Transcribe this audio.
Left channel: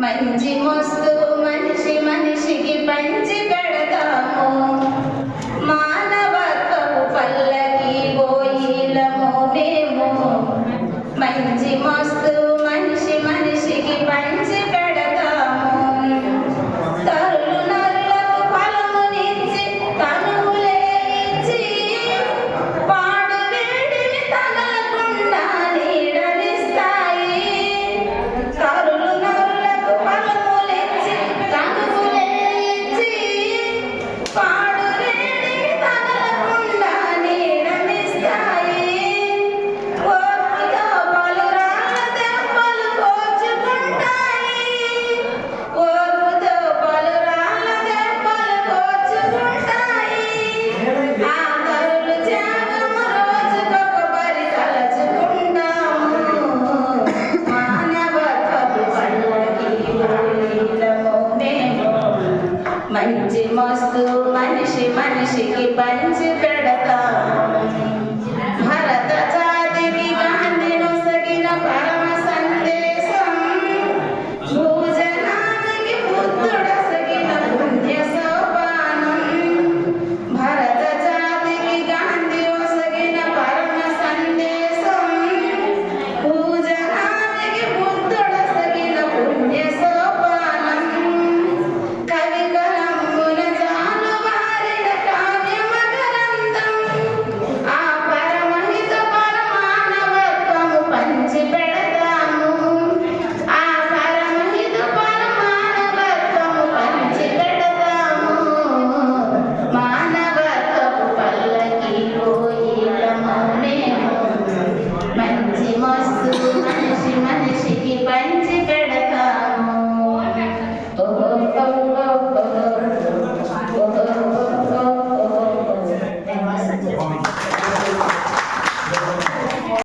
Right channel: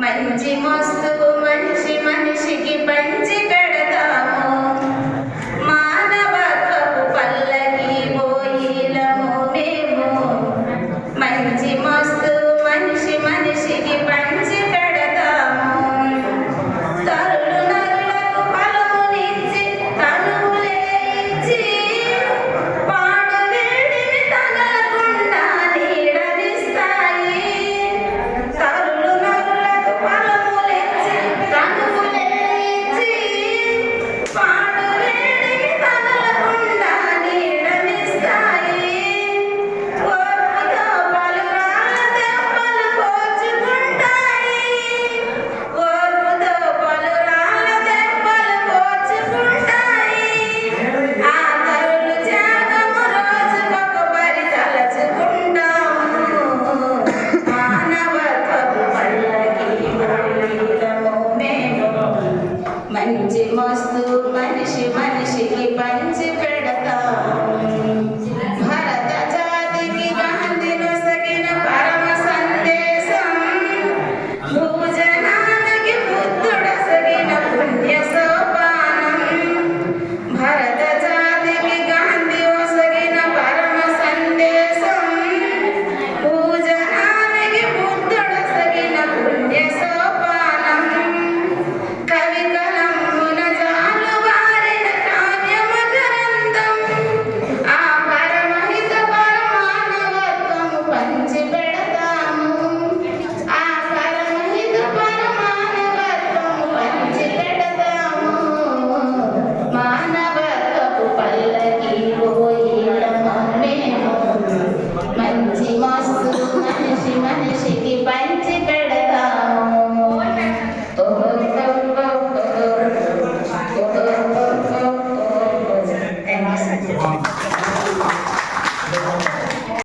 మంచి మస్తు మనిషి మనిషికి పంచితే મસ્ત માનશે માનશે કે પાનશે